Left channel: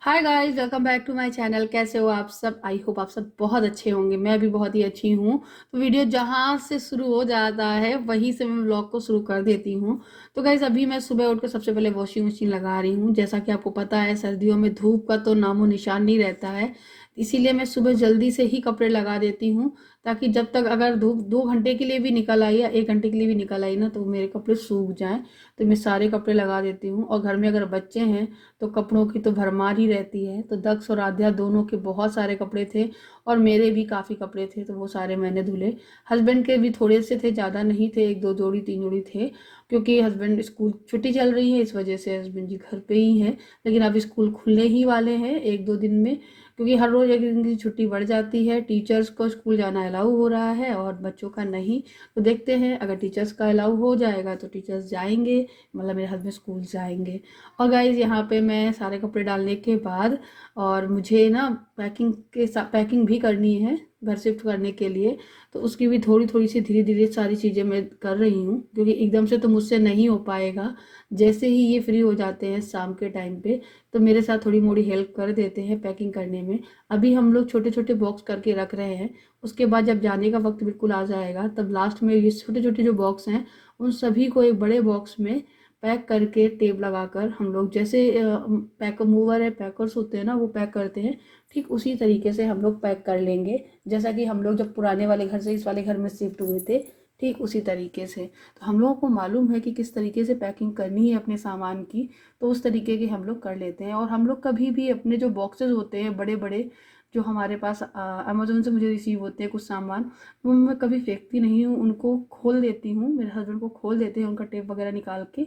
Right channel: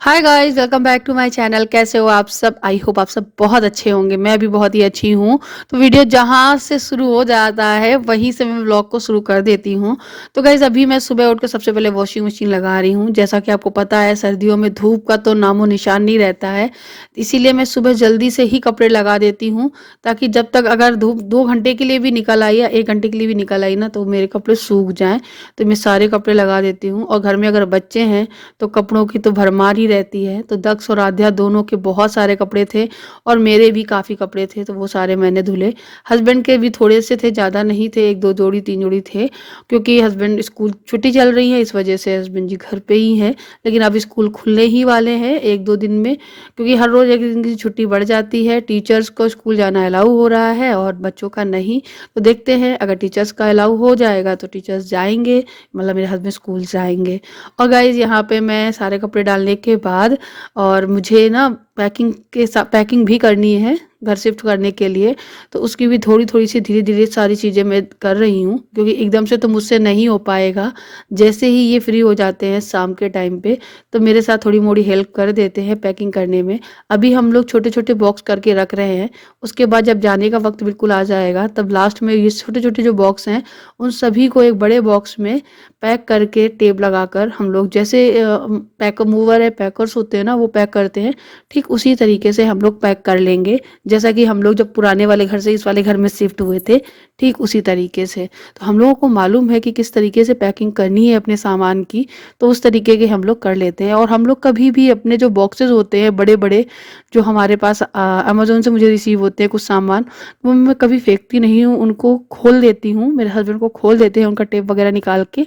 Hi guys, welcome back to my channel. कैसे हो आप सब? आई होप आप सब बहुत अच्छे होंगे। मैं भी बहुत ही अच्छी हूँ। तो वीडियो जहाँ से शुरू हो जाता है वहीं से मैं व्लॉग को शुरू कर देती हूँ। तो गाइस, अभी मैं सुबह उठकर सबसे पहले वॉशिंग मशीन लगा रही हूँ। जैसा कि आपको पता है, सर्दियों में धूप का तो नामो निशान नहीं रहता है, इसीलिए मैं सुबह जल्दी से ही कपड़े लगा देती हूँ, ताकि जब तक अगर धूप 2 घंटे के लिए भी निकल आई या 1 घंटे के लिए भी निकल आई ना, तो मेरे कपड़े सूख जाएं। तो मैं सारे कपड़े लगा देती हूँ। और घर में अगर बच्चे हैं तो कपड़ों की तो भरमार ही रहती है। तो दक्ष और आध्या दोनों के बहुत सारे कपड़े थे और मेरे भी काफ़ी कपड़े थे, तो वो सारे मैंने धुले। हस्बैंड के भी थोड़े से थे, ज़्यादा नहीं थे, 1 2 जोड़ी 3 जोड़ी थे, क्योंकि हस्बैंड स्कूल छुट्टी चल रही है, इस वजह से हस्बैंड जी घर पे ही हैं। लेकिन अब स्कूल खुलने ही वाले हैं 1 2 दिन में, क्योंकि हर रोज़ 1 दिन की छुट्टी बढ़ जाती है। टीचर्स को स्कूल जाना अलाउ हो रहा है और बच्चों का नहीं। तो देखते हैं, अगर टीचर्स का अलाउ हो जाएगा तो टीचर्स जाएंगे, मतलब मेरे हस्बैंड स्कूल जाएंगे। और गाइज, यहाँ पे मैं सारे कपड़े डालने के बाद, और मुझे ना पैकिंग भी करनी है घर शिफ्ट करने के लिए। तो उसकी भी थोड़ी थोड़ी सी धीरे धीरे सारी चीज़ें मैं कर रही हूँ, क्योंकि एकदम से तो मुझसे नहीं हो पाएगा। जैसे ही ये फ्री हो जाते हैं शाम के टाइम पे, तो मेरे साथ थोड़ी मोड़ी हेल्प कर देते हैं पैकिंग करने में। अभी हम लोग छोटे छोटे बॉक्स करके रख रहे हैं। उसके बाद जब जाने का वक्त बिल्कुल आ जाएगा, तब लास्ट में ये छोटे छोटे जो बॉक्स हैं, उन सभी को एक बड़े बॉक्स में पैक करके टेप लगाकर, हम लोग जैसे पैक मूवर है, पैकर्स होते हैं ना, वो पैक करते हैं, ठीक उसी तरीके से हम लोग पैक कर लेंगे। जैसा कि हम लोग जब पुराने वाले घर से इस वाले घर में शिफ्ट हुए थे, ठीक उसी तरीके से। तो हम लोगों को मालूम है कि किस तरीके से पैकिंग करनी है अपने सामान की, तो उस तरीके के हम लोग कर लेते हैं। और हम लोग कभी भी अपने जो बॉक्सेस होते हैं बड़े बड़े, जो हमारे पास अमेजोन से मुझे रिसीव होते हैं कुछ सामान, वो मैं कभी फेंकती नहीं हूँ, उनको खोल देती हूँ। मेरे हस्बैंड को खोल देते हैं उनका टेप वगैरह निकाल के,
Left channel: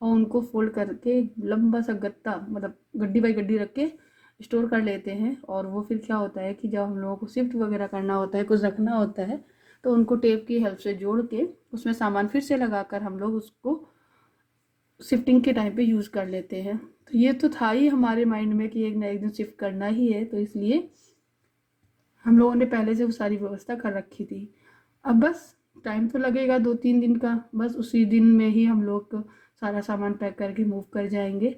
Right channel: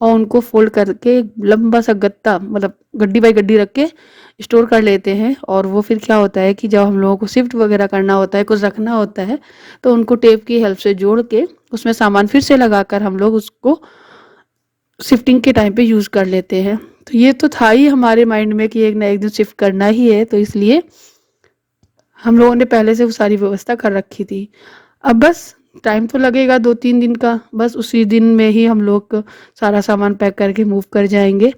और उनको फोल्ड करके एक लंबा सा गत्ता, मतलब गड्डी बाई गड्डी रख के स्टोर कर लेते हैं। और वो फिर क्या होता है कि जब हम लोगों को शिफ्ट वगैरह करना होता है, कुछ रखना होता है, तो उनको टेप की हेल्प से जोड़ के उसमें सामान फिर से लगाकर हम लोग उसको शिफ्टिंग के टाइम पे यूज़ कर लेते हैं। तो ये तो था ही हमारे माइंड में कि एक ना एक दिन शिफ्ट करना ही है, तो इसलिए हम लोगों ने पहले से वो सारी व्यवस्था कर रखी थी। अब बस टाइम तो लगेगा 2 3 दिन का, बस उसी दिन में ही हम लोग सारा सामान पैक करके मूव कर जाएंगे।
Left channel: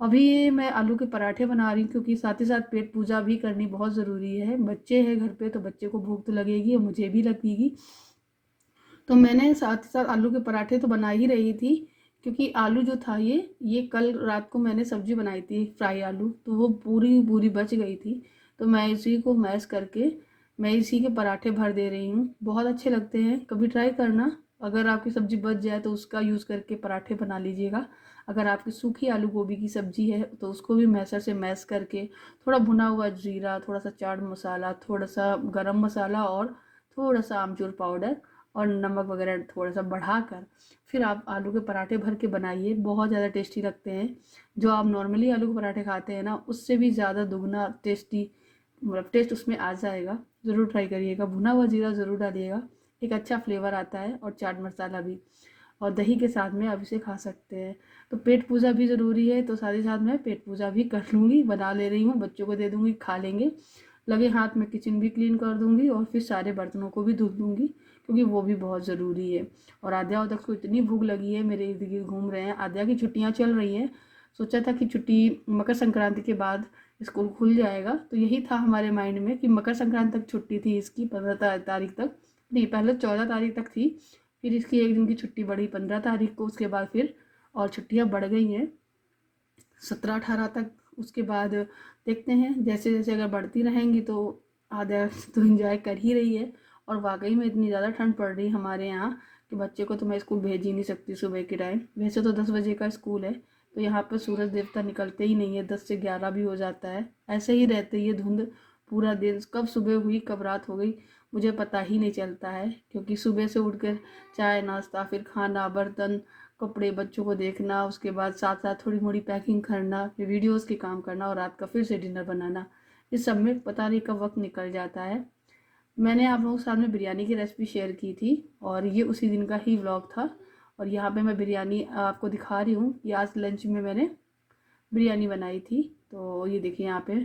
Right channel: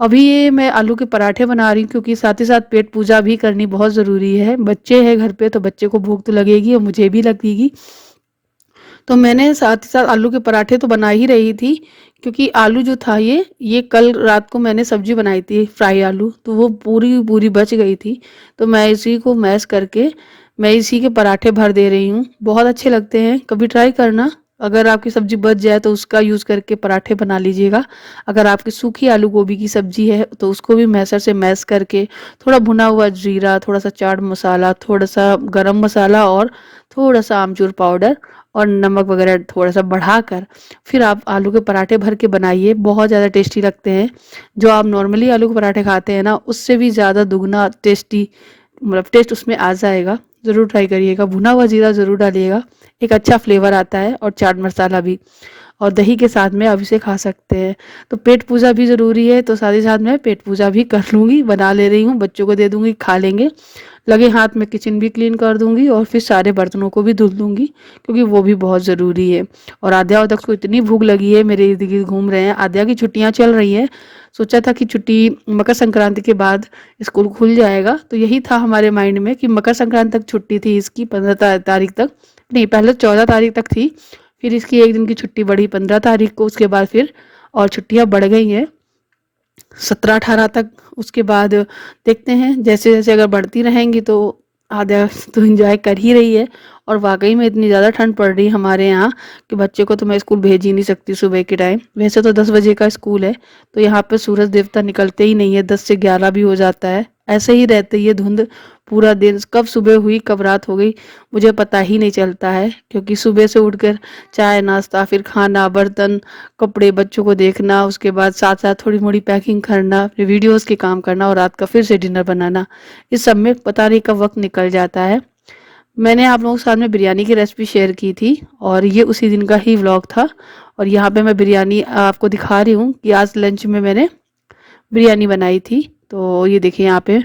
अभी ये मैं आलू के पराठे बना रही हूँ, क्योंकि साथ ही साथ पेट पूजा भी करनी बहुत ज़रूरी है। बच्चे हैं घर पे, तो बच्चे को भूख तो लगेगी और मुझे भी लगेगी। तो मैंने साथ ही साथ आलू के पराठे तो बना ही रही थी, क्योंकि आलू जो था, ये कल रात को मैंने सब्जी बनाई थी फ्राई आलू, तो वो पूरी पूरी बच गई थी। तो मैं इसी को मैश करके मैं इसी के पराठे भर दे रही हूँ। बहुत अच्छे लगते हैं, कभी ट्राई करना। अगर आपकी सब्जी बच जाए तो उसका यूज़ करके पराठे बना लीजिएगा। अगर आपकी सूखी आलू गोभी की सब्जी है तो उसको भी मैसर से मैश करके, थोड़ा भुना हुआ जीरा, थोड़ा सा चाट मसाला, थोड़ा सा गरम मसाला, और थोड़ा सा आमचूर पाउडर और नमक वगैरह थोड़ा सा बढ़ाकर, फिर आप आलू के पराठे भर के बनाइए। बहुत ज़्यादा टेस्टी लगते हैं। जो आप नॉर्मली आलू के पराठे खाते हैं ना, उससे भी ज़्यादा दुगना टेस्टी, मतलब टेस्ट उसमें आ जाएगा। ज़रूर ट्राई करिएगा, भुना हुआ जीरा ज़रूर डालिएगा, एक अच्छा फ्लेवर आता है, और चाट मसाला भी। और दही के साथ में आप इसे खा सकते हैं। तो पेट पूजा भी ज़रूरी है, तो साथ ही साथ मैं पेट पूजा भी कर लूँगी, बना ले रही हूँ, बच्चों को दे दूँगी, खा लेंगे। लगे हाथ में किचन भी क्लीन कर दूँगी और फिर सारे बर्तनों को भी धुल दूँगी, क्योंकि वो भी बहुत ज़रूरी है। और आद्या और दक्ष को इतनी भूख लगी है, मेरे इर्द गिर्द घूम रहे हैं। आद्या की छुट्टियाँ चल रही हैं, सोचा था कि छुट्टी मकर संक्रांति के बाद स्कूल खुल जाएगा, तो यही था हमारे माइंड में कि मकर संक्रांति तक छुट्टी थी इसकी, 15 तारीख तक, नहीं पहले 14 तारीख तक थी। फिर इसकी 1 दिन की छुट्टी बढ़ी 15 तारीख को, उसके बाद फिर और छुट्टियां बढ़ गई हैं 17 18 तक। उसके बाद देखते हैं, जैसे जैसे अगर बढ़ती रहेंगी तो आधा तो इंजॉय कर ही रही है। और वाकई में इतनी ज़्यादा ठंड पड़ रही है हमारे यहाँ कि बच्चे को तो मैं स्कूल भेज ही नहीं सकती सुबह के टाइम। वैसे तो 10 बजे का स्कूल है, तो यहाँ पे सूरज देवता निकलते ही नहीं है, 10 से 11 भी हो जाता है। ऐसे ही रहती है धुंध पूरा दिन, कब सुबह हुई कब रात हो गई मुझे पता ही नहीं चलता है। क्योंकि सुबह से उठकर चाय नाश्ता, फिर खाना, बर्तन, कपड़े, बच्चों को देखना, उसके बाद साथ साथ थोड़ी मोड़ी पैकिंग करना, फिर वीडियोस के काम करना, और रात का फिर से डिनर बनाना, इस सब में पता नहीं कब वक्त निकल जाता है। मैंने आप लोगों के साथ में बिरयानी की रेसिपी शेयर की थी, और ये उसी दिन का ही व्लॉग था। और यहाँ पे मैं बिरयानी आपको दिखा रही हूँ कि आज लंच में मैंने बिरयानी बनाई थी। तो ये देखिए, यहाँ पे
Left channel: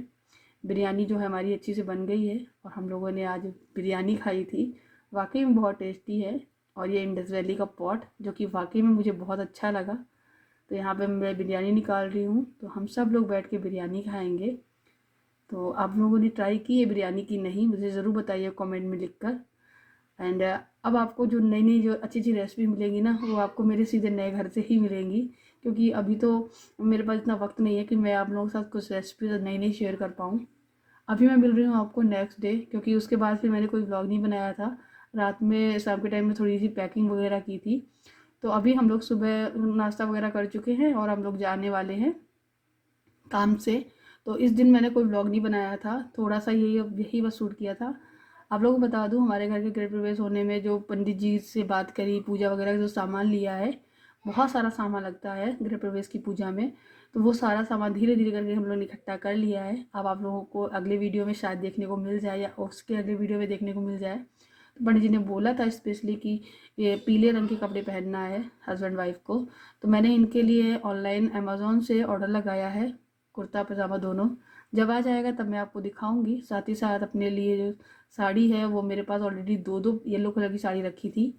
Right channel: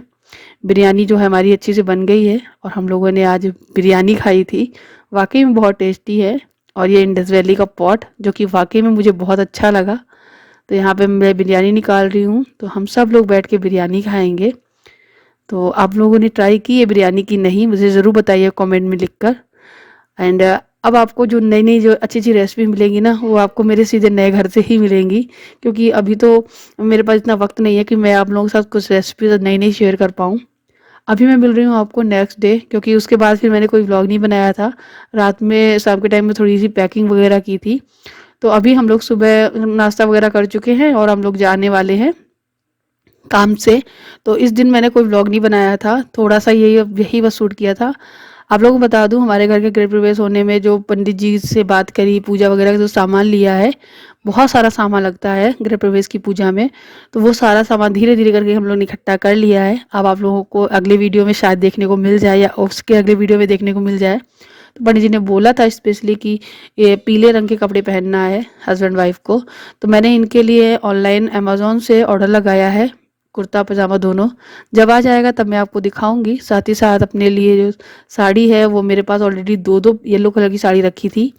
बिरयानी जो है हमारी अच्छी से बन गई है, और हम लोगों ने आज बिरयानी खाई थी। वाकई में बहुत टेस्टी है। और ये इंडस वैली का पॉट, जो कि वाकई में मुझे बहुत अच्छा लगा। तो यहाँ पे मैं बिरयानी निकाल रही हूँ, तो हम सब लोग बैठ के बिरयानी खाएंगे। तो आप लोगों ने ट्राई की है बिरयानी की नहीं, मुझे ज़रूर बताइए कमेंट में लिखकर। एंड अब आपको जो नई नई जो अच्छी अच्छी रेसिपी मिलेंगी ना, वो आपको मेरे सीधे नए घर से ही मिलेंगी, क्योंकि अभी तो मेरे पास इतना वक्त नहीं है कि मैं आप लोगों के साथ कुछ रेसिपी नई नई शेयर कर पाऊँ। अभी मैं मिल रही हूँ आपको नेक्स्ट डे, क्योंकि उसके बाद फिर मैंने कोई व्लॉग नहीं बनाया था। रात में शाम के टाइम में थोड़ी सी पैकिंग वगैरह की थी। तो अभी हम लोग सुबह नाश्ता वगैरह कर चुके हैं और हम लोग जाने वाले हैं काम से। तो इस दिन मैंने कोई व्लॉग नहीं बनाया था, थोड़ा सा यही यही बस शूट किया था। आप लोगों को बता दूं, हमारे घर के गृह प्रवेश होने में जो पंडित जी से बात करी, पूजा वगैरह का जो सामान लिया है, बहुत सारा सामान लगता है गृह प्रवेश की पूजा में। तो वो सारा सामान धीरे धीरे करके हम लोग ने इकट्ठा कर लिया है। अब आप लोगों को अगले वीडियो में शायद देखने को मिल जाए या उसके अगले वीडियो में देखने को मिल जाए। तो पंडित जी ने बोला था स्पेशली कि ये पीले रंग के कपड़े पहनना है हस्बैंड वाइफ को। तो मैंने इनके लिए ऑनलाइन अमेज़ोन से ऑर्डर लगाया है, कुर्ता पजामा दोनों। जब आ जाएगा तब मैं आपको दिखाऊंगी। साथ ही साथ अपने लिए जो साड़ी है, वो मेरे पास ऑलरेडी दो दो येलो कलर की साड़ी रखी थी,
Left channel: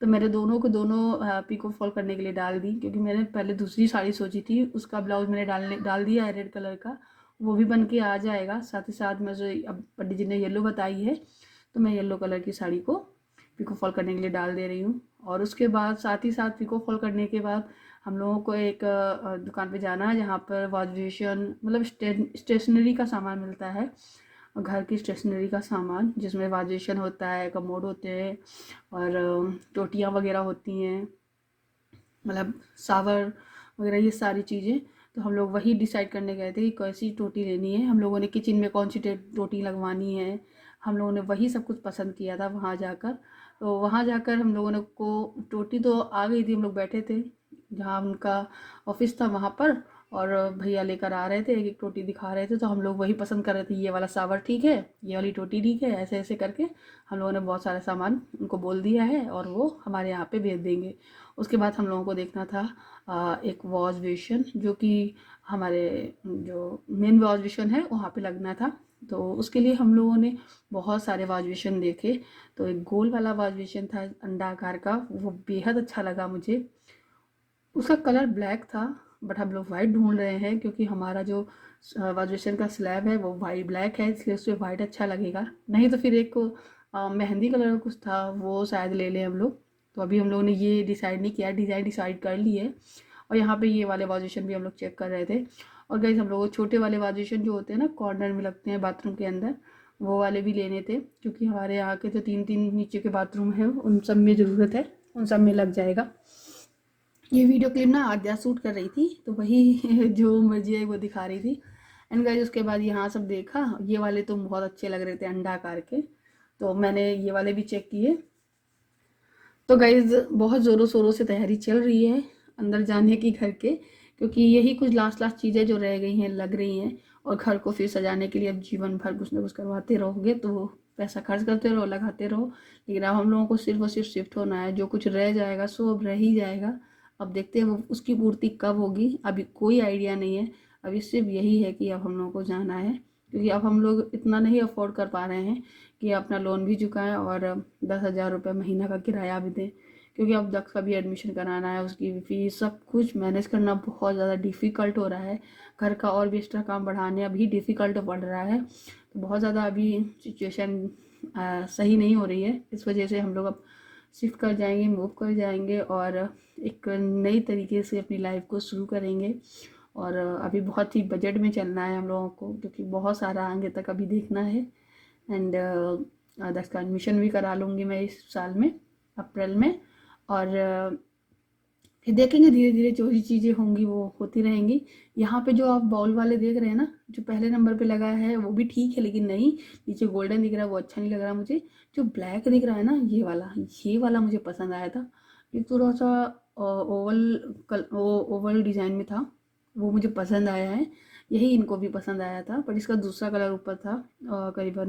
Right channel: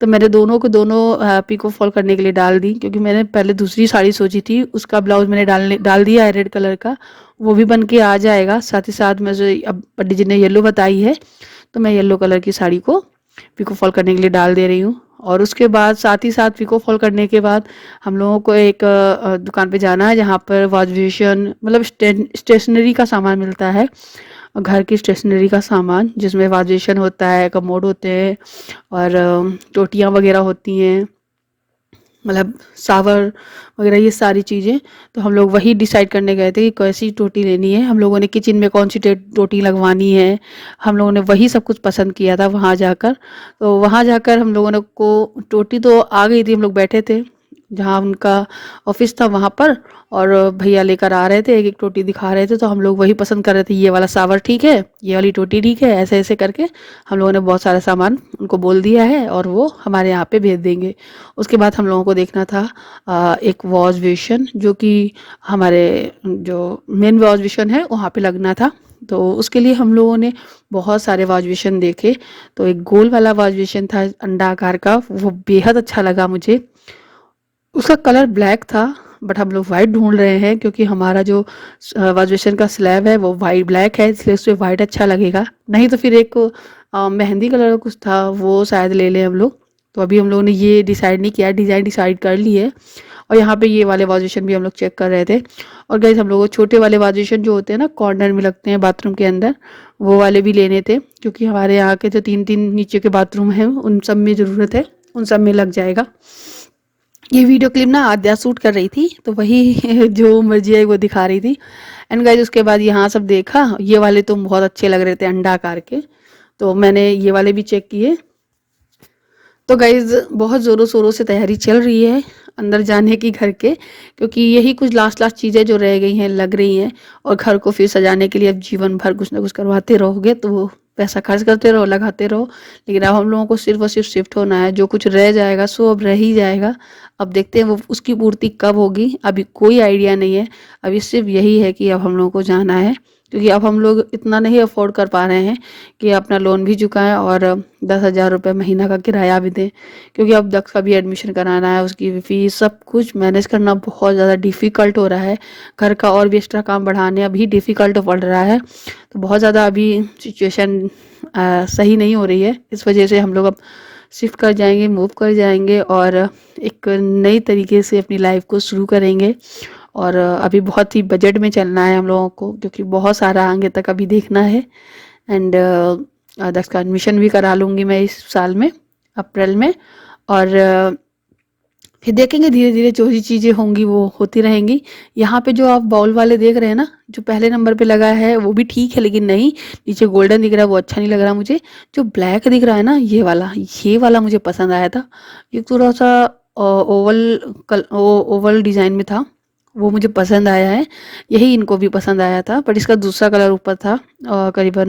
तो मैंने दोनों को दोनों पिको फॉल करने के लिए डाल दी, क्योंकि मैंने पहले दूसरी साड़ी सोची थी, उसका ब्लाउज मैंने डाल दिया है रेड कलर का, वो भी बन के आ जाएगा। साथ ही साथ मुझे अब पंडित जी ने येलो बताई है, तो मैं येलो कलर की साड़ी को पिको फॉल करने के लिए डाल दे रही हूँ। और उसके बाद साथ ही साथ पिको फॉल करने के बाद हम लोगों को एक दुकान पे जाना है, जहाँ पर वॉश बेसिन मतलब स्टेशनरी का सामान मिलता है, घर की स्टेशनरी का सामान, जिसमें वॉश बेसिन होता है, कमोड होते हैं और टोटियाँ वगैरह होती हैं, मतलब सावर वगैरह ये सारी चीज़ें। तो हम लोग वही डिसाइड करने गए थे कि कैसी टोटी लेनी है, हम लोगों ने किचन में कौन सी टोटी लगवानी है, हम लोगों ने वही सब कुछ पसंद किया था वहाँ जाकर। तो वहाँ जाकर हम लोगों ने को टोटी तो आ गई थी, हम लोग बैठे थे जहाँ उनका ऑफिस था वहाँ पर, और भैया लेकर आ रहे थे, एक एक टोटी दिखा रहे थे, तो हम लोग वही पसंद कर रहे थे, ये वाला सावर ठीक है, ये वाली टोटी ठीक है, ऐसे ऐसे करके हम लोगों ने बहुत सारा सामान उनको बोल दिया है और वो हमारे यहाँ पे भेज देंगे। उसके बाद हम लोगों को देखना था एक वॉश बेसिन, जो कि हमारे जो मेन वॉश बेसिन है वहाँ पे लगना था। तो उसके लिए हम लोगों ने बहुत सारे वॉश बेसिन देखे। तो एक गोल वाला वॉश बेसिन था अंडा आकार का, वो बेहद अच्छा लगा मुझे। उसका कलर ब्लैक था, बट हम लोग वाइट ढूंढ रहे हैं, क्योंकि हमारा जो वॉश बेसिन का स्लैब है वो वाइट ब्लैक है, इसलिए उसमें वाइट अच्छा लगेगा। नहीं तो फिर एक मेहंदी कलर का कुछ था, वो शायद ले लें हम लोग। तो अभी हम लोगों ने ये डिसाइड नहीं किया, डिज़ाइन डिसाइड कर ली है। और यहाँ पे ये वाले वॉश बेसिन भी हम लोग चेक कर रहे थे। और गाइस, हम लोग छोटे वाले वॉश बेसिन जो होते हैं ना, कॉर्नर में लगते हैं बाथरूम के अंदर, वो वाले भी लेने थे, क्योंकि हमारे यहाँ के जो तीन तीन नीचे के बाथरूम हैं उन सब में ज़रूरत है, उन सब में लग जाएगा। ये वीडियो क्लिप ना आद्या शूट कर रही थी, तो वही जो मर्जी है वो दिखा रही थी। एंड गाइज, उसके बाद यहाँ सब देखा, ये वाले तो बहुत अच्छे लग रहे थे अंडा आकार के, तो मैंने ये वाले भी चेक किए। तो गाइज, बहुत ज़ोरों शोरों से तैयारी चल रही है अंदर जाने की घर के, क्योंकि यही कुछ लास्ट लास्ट चीज़ें जो रह गई हैं लग रही हैं। और घर को फिर सजाने के लिए अब जीवन भर कुछ ना कुछ करवाते रहोगे, तो वो पैसा खर्च करते रहो, लगाते रहो। लेकिन अब हम लोगों को सिर्फ और सिर्फ शिफ्ट होना है, जो कुछ रह जाएगा सो अब रह ही जाएगा। अब देखते हैं वो उसकी पूर्ति कब होगी, अभी कोई आइडिया नहीं है। अभी सिर्फ यही है कि अब हम लोगों को जाना है, क्योंकि अब हम लोग इतना नहीं अफोर्ड कर पा रहे हैं कि अपना लोन भी चुकाएं और 10,000 रुपये महीना का किराया भी दें, क्योंकि अब दक्ष का भी एडमिशन कराना है, उसकी फीस सब कुछ मैनेज करना बहुत ज़्यादा डिफ़िकल्ट हो रहा है। घर का और भी एक्स्ट्रा काम बढ़ाने अभी डिफ़िकल्ट पड़ रहा है। तो बहुत ज़्यादा अभी सिचुएशन सही नहीं हो रही है। इस वजह से हम लोग अब शिफ्ट कर जाएंगे, मूव कर जाएंगे और एक नई तरीके से अपनी लाइफ को शुरू करेंगे। और अभी बहुत ही बजट में चलना है हम लोगों को, क्योंकि बहुत सारा आगे तक अभी देखना है। एंड दक्ष का एडमिशन भी करा लूँगी मैं इस साल में, अप्रैल में। और फिर देखेंगे धीरे धीरे जो भी चीज़ें होंगी वो होती रहेंगी। यहाँ पे जो आप बाउल वाले देख रहे हैं ना, जो पहले नंबर पे लगा है वो भी ठीक है, लेकिन नहीं, नीचे गोल्डन दिख रहा है वो अच्छा नहीं लग रहा मुझे। जो ब्लैक दिख रहा है ना, ये वाला मुझे पसंद आया था। ये थोड़ा सा ओवल डिज़ाइन में था, वो मुझे पसंद आया है। यही इनको भी पसंद आया था, बट इसका दूसरा कलर ऊपर था, करीबन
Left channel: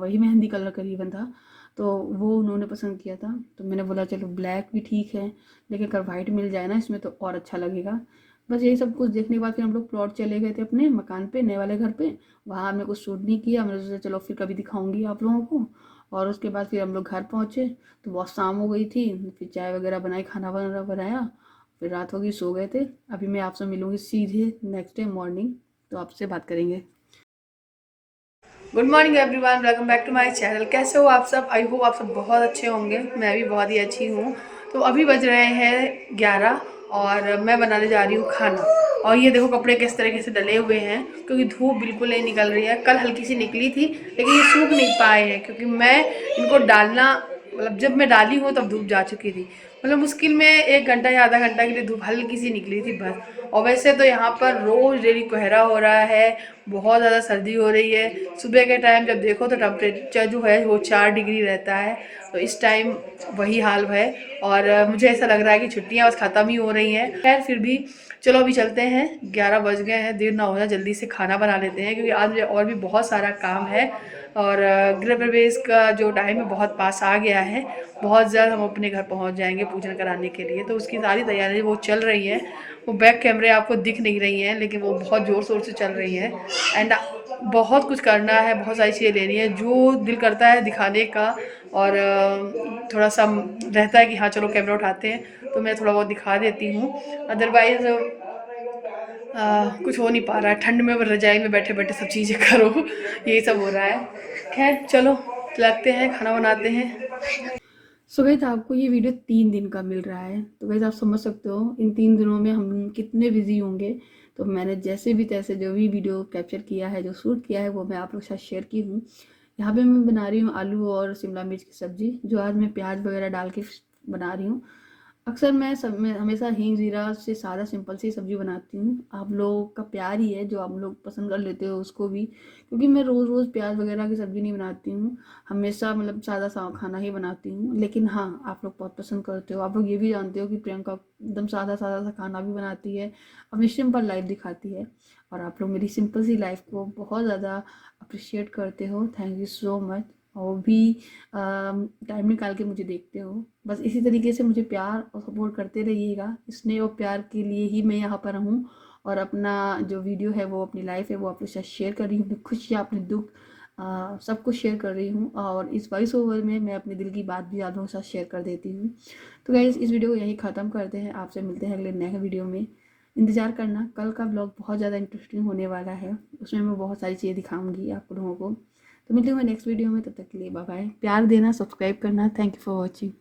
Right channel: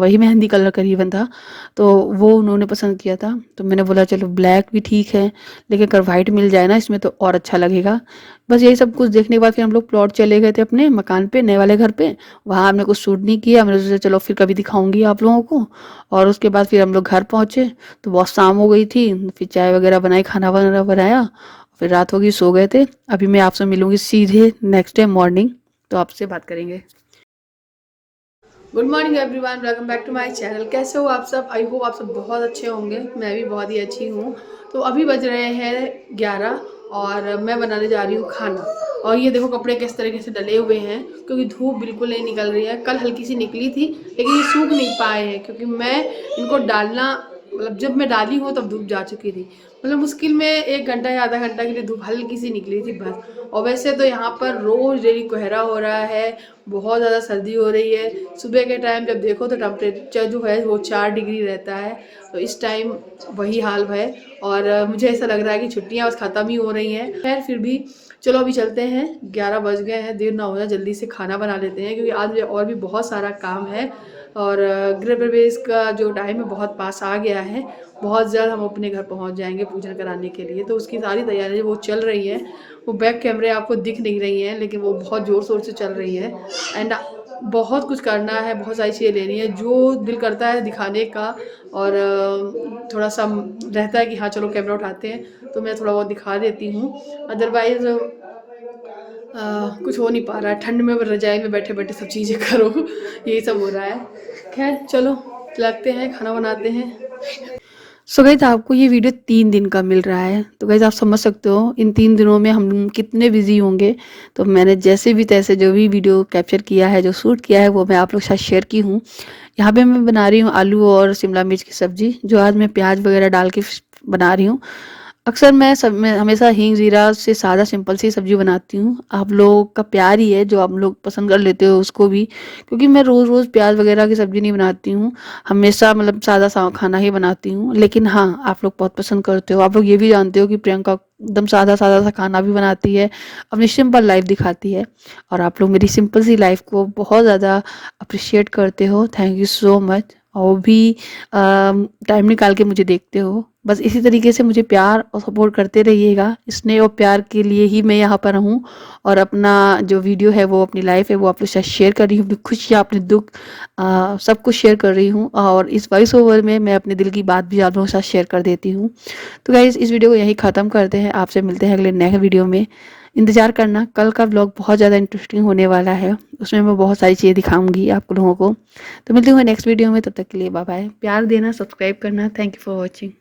वही मेहंदी कलर करीबन था, तो वो उन्होंने पसंद किया था। तो मैंने बोला चलो ब्लैक भी ठीक है, लेकिन अगर वाइट मिल जाए ना इसमें तो और अच्छा लगेगा। बस यही सब कुछ देखने के बाद फिर हम लोग प्लॉट चले गए थे अपने मकान पे, नए वाले घर पे। वहाँ हमने कुछ शूट नहीं किया, मैंने सोचा चलो फिर कभी दिखाऊंगी आप लोगों को। और उसके बाद फिर हम लोग घर पहुँचे तो बहुत शाम हो गई थी, फिर चाय वगैरह बनाई, खाना वगैरह बनाया, फिर रात होगी, सो गए थे। अभी मैं आपसे मिलूंगी सीधे नेक्स्ट डे मॉर्निंग, तो आपसे बात करेंगे। Good morning everyone, welcome back to my channel. कैसे हो आप सब? आई होप आप सब बहुत अच्छे होंगे। मैं भी बहुत ही अच्छी हूँ। तो अभी बज रहे हैं 11 और मैं बनाने जा रही हूँ खाना। और ये देखो कपड़े किस तरीके से डले हुए हैं, क्योंकि धूप बिल्कुल नहीं निकल रही है। कल हल्की सी निकली थी, लेकिन ये सूख नहीं पाए हैं, क्योंकि मैं इनको डालना, मतलब जब मैं डाली हूँ तब धूप जा चुकी थी। मतलब मुश्किल में 1 घंटा या आधा घंटा के लिए धूप हल्की सी निकली थी बस। और वैसे तो यहाँ पर रोज़ डेली कोहरा हो रहा है, बहुत ज़्यादा सर्दी हो रही है। सुबह के टाइम जब देखो तो टेम्परेचर जो है वो 4 डिग्री रहता है। तो इस टाइम वही हाल है। और मुझे ऐसा लग रहा है कि छुट्टियाँ बस ख़त्म ही हो रही हैं। खैर फिर भी चलो अभी चलते हैं, 11 बज गए हैं, देर ना हो जाए, जल्दी से खाना बना लेते हैं, क्योंकि आज मुझे और भी बहुत सारा काम है। और गृह प्रवेश का जो टाइम है बहुत पास आ गया है। बहुत जल्द हम अपने घर पहुंच जाएंगे पूजन कराने के लिए, तो उसकी सारी तैयारी वो चल रही है। वो बैक कैमरे आपको दिख नहीं रही हैं, लेकिन वो बहुत ज़ोर शोर से चल रही है। एंड बहुत कुछ करना है, बहुत सारी चीज़ें लेनी है, जो दिल करता है दिखाने का। और थोड़ा सा रहता है कि हाँ चलो कैमरा उठाते हैं, तो मैं थोड़ा बहुत दिखा देती हूँ। अदरवाइज़ कुछ हो नहीं पा रहा है। ठंड में रजाई में बैठे बैठे सब चीज़ें करो, यही सब हो रहा है। खैर चलो लगते हैं, खाना बनाते हैं। सो गाइस आपको ये वीडियो 3 दिन का मिल रहा है, तो गाइस आप समझ सकते हो इन 3 दिनों में हम कितने बिजी होंगे। तो मैंने जैसे भी तैसे जो भी वीडियो कैप्चर किया है, जो शूट किया है, वो मैं आप लोग के साथ शेयर की हूँ। यहाँ पे मैं बना रही हूँ आलू और शिमला मिर्च की सब्जी, जो आज मैं प्याज वगैरह डाल के बना रही हूँ। अक्सर मैं हमेशा हींग जीरा से सादा सिंपल सी सब्जी बनाती हूँ। आप लोगों का प्यार ही है जो आप लोग पसंद कर लेते हो उसको भी, क्योंकि मैं रोज़ रोज़ प्याज वगैरह की सब्जी नहीं बनाती हूँ। हमेशा मतलब सादा सा खाना ही बनाती हूँ। लेकिन हाँ, आप लोग बहुत पसंद करते हो। आप लोग ये भी जानते हो कि प्रियंका एकदम सादा सादा सा खाना भी बनाती है, अपनी सिंपल लाइफ दिखाती है। और आप लोग मेरी सिंपल सी लाइफ को बहुत ज़्यादा अप्रिशिएट करते हो। Thank you so much. और भी टाइम निकाल के मुझे देखते हो। बस इसी तरीके से मुझे प्यार और सपोर्ट करते रहिएगा। स्नेह और प्यार के लिए ही मैं यहाँ पर हूँ। और अपना जो वीडियो है, वो अपनी लाइफ है, वो आप लोग के साथ शेयर कर रही हूँ। अपनी खुशियाँ, अपने दुख, सब कुछ शेयर कर रही हूँ। और इस वॉइस ओवर में मैं अपने दिल की बात भी आप लोगों के साथ शेयर कर देती हूँ। तो गाइस इस वीडियो को यहीं ख़त्म करते हैं। आपसे मिलते हैं अगले नेक्स्ट वीडियो में। इंतज़ार करना, कल का व्लॉग बहुत ज़्यादा इंटरेस्टिंग होने वाला है। उसमें मैं बहुत सारी चीज़ें दिखाऊंगी आप लोगों को। तो मिलती हूँ नेक्स्ट वीडियो में, तब तक के लिए बाय बाय। प्यार देना, सब्सक्राइब करना। Thank you for watching.